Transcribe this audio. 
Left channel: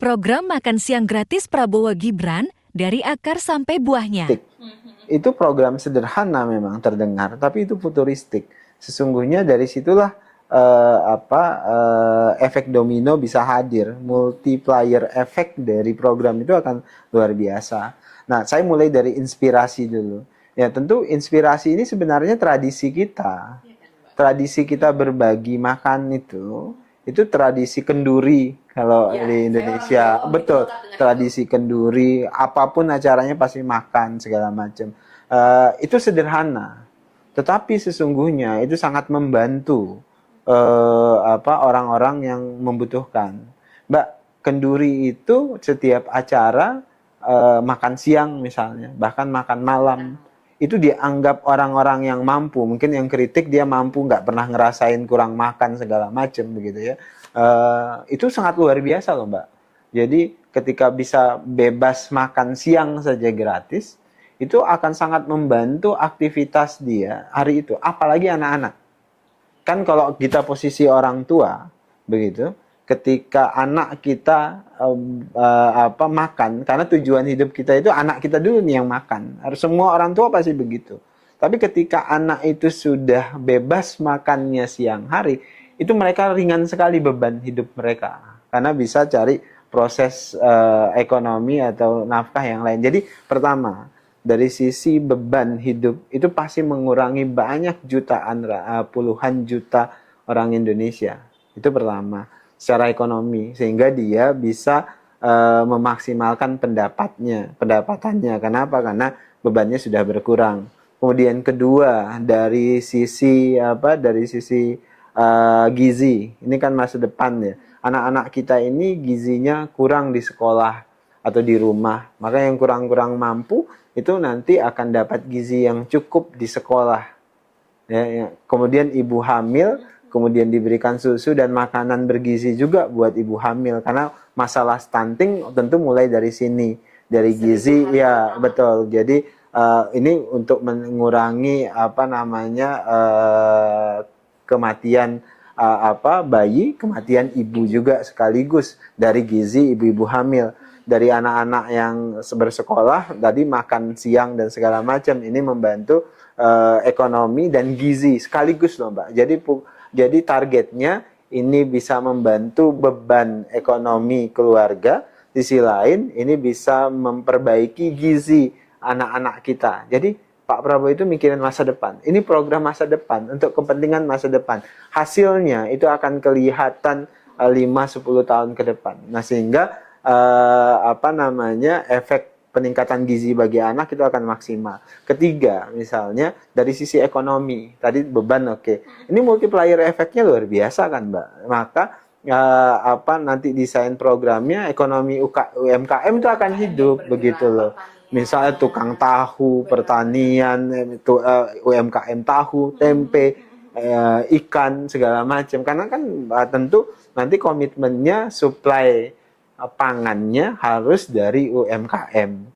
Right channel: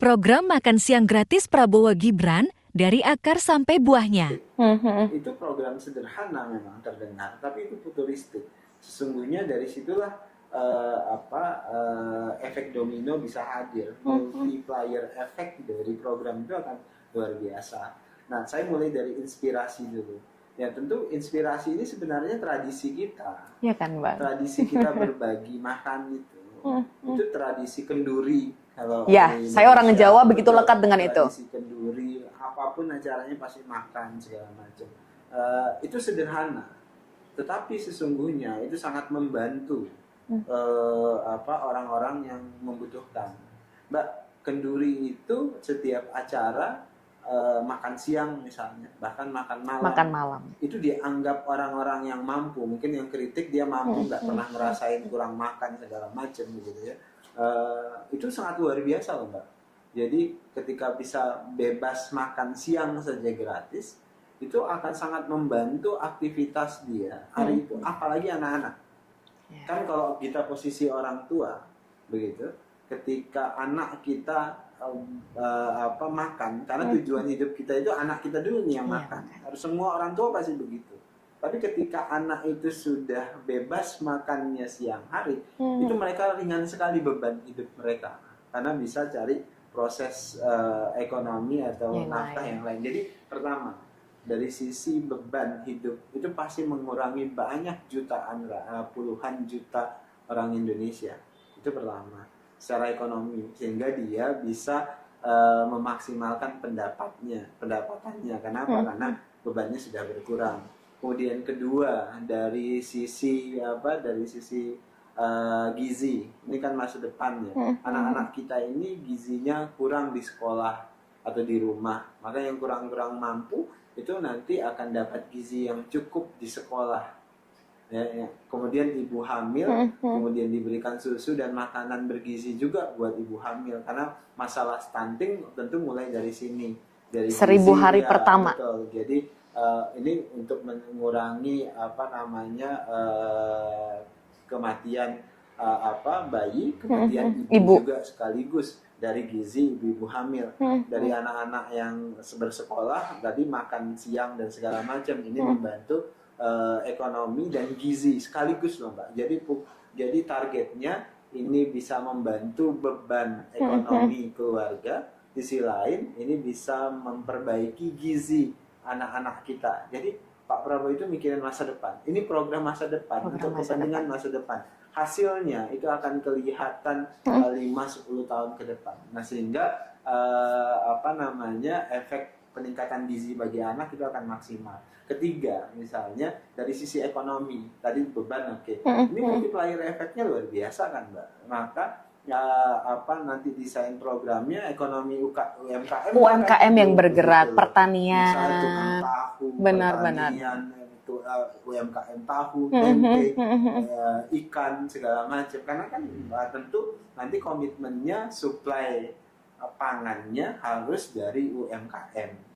Program makan siang gratis Prabowo Gibran dari akar sampai buahnya. Itu program sederhana memang terdengar, tapi itu futuristik. Sesungguhnya dari situlah efek domino bisa hadir, multiplier efek dari program itu akan luar biasa. Nah, saya mulai dari inspirasi dulu. Ya, tentu inspirasi ini sebenarnya tradisi kita. Ya kan, Bang? Tradisi kita berbagi makan itu tradisi kenduri kalau Ya, di Indonesia. saya orang Jawa begitu Betul, lekat dengan tradisi kenduri, apapun acaranya pasti makan segala macam. Itu sederhana, tetapi sesungguhnya itu sangat membantu orang-orang yang membutuhkan. Mbak, kenduri itu setiap acara makan siang misalnya, bahkan makan malam. Itu dianggap orang-orang yang mampu, mungkin yang kritik dia mampu, nggak pernah ngerasain kurang makan segala macam begitu ya. Itu sangat luar biasa loh, Mbak. Jadi ketika bisa bebas makan siang saja gratis, itu akan sangat membantu aktivitas dia hari itu, apalagi anak-anak. Kan kalau kita posisi orang tua begitu, ketika anak kita makan, karena tujuan hidup kita itu anak kita dulu nih yang makan. Harus semua orang tua pasti begitu. Tapi ketika anak itu sudah bebas makannya siang hari, itu mereka ringan sekali beban hidup mereka. Karena bisa cari proses ekonomi atau nafkah yang lain. Jadi pertama, dari sisi beban hidup itu pasti mengurangi banyak jutaan, puluhan juta orang Indonesia. Itu pertama, secara ekonomi, sehingga dia bisa memaksimalkan pendapatannya. Kenapa? Karena bebannya sudah berkurang. Kemudian kedua, dari sisi gizi, ini kan masa depan ya. Anak-anak kita ini gizinya kurang di sekolah atau di rumah. Maka yang kurang-kurang mampu itu nanti akan dapat gizi yang cukup di sekolah. Ya. Kemudian ibu hamil, kemudian diberikan susu dan makanan bergizi juga buat ibu hamil. Karena masalah stunting tentu mulai dari sini, dari gizi. 1000 hari ya, pertama. Betul. Jadi ini untuk mengurangi kematian bayi, kematian ibu juga sekaligus dari gizi ibu-ibu hamil, dari anak-anak yang bersekolah, tadi makan siang dan segala macam. Ini membantu ekonomi dan gizi sekaligus loh, Mbak. Jadi targetnya ini bisa membantu beban ekonomi keluarga. Di sisi lain ini bisa memperbaiki gizi anak-anak kita. Jadi Pak Prabowo itu mikirin masa depan. Ini program masa depan untuk kepentingan masa depan. Hasilnya itu akan kelihatan 5-10 tahun ke depan. Nah, sehingga efek peningkatan gizi bagi anak itu akan maksimal. Ketiga, misalnya dari sisi ekonomi, tadi beban oke. Ini multiplier efeknya luar biasa kan, Mbak. Maka nanti desain programnya ekonomi UMKM itu akan hidup yang bergerak, begitu loh. pertanian. Misalnya tukang tahu, pertanian, UMKM tahu, tempe, ikan segala macam. Karena kan tentu nanti komitmennya supply pangannya harus dari UMKM.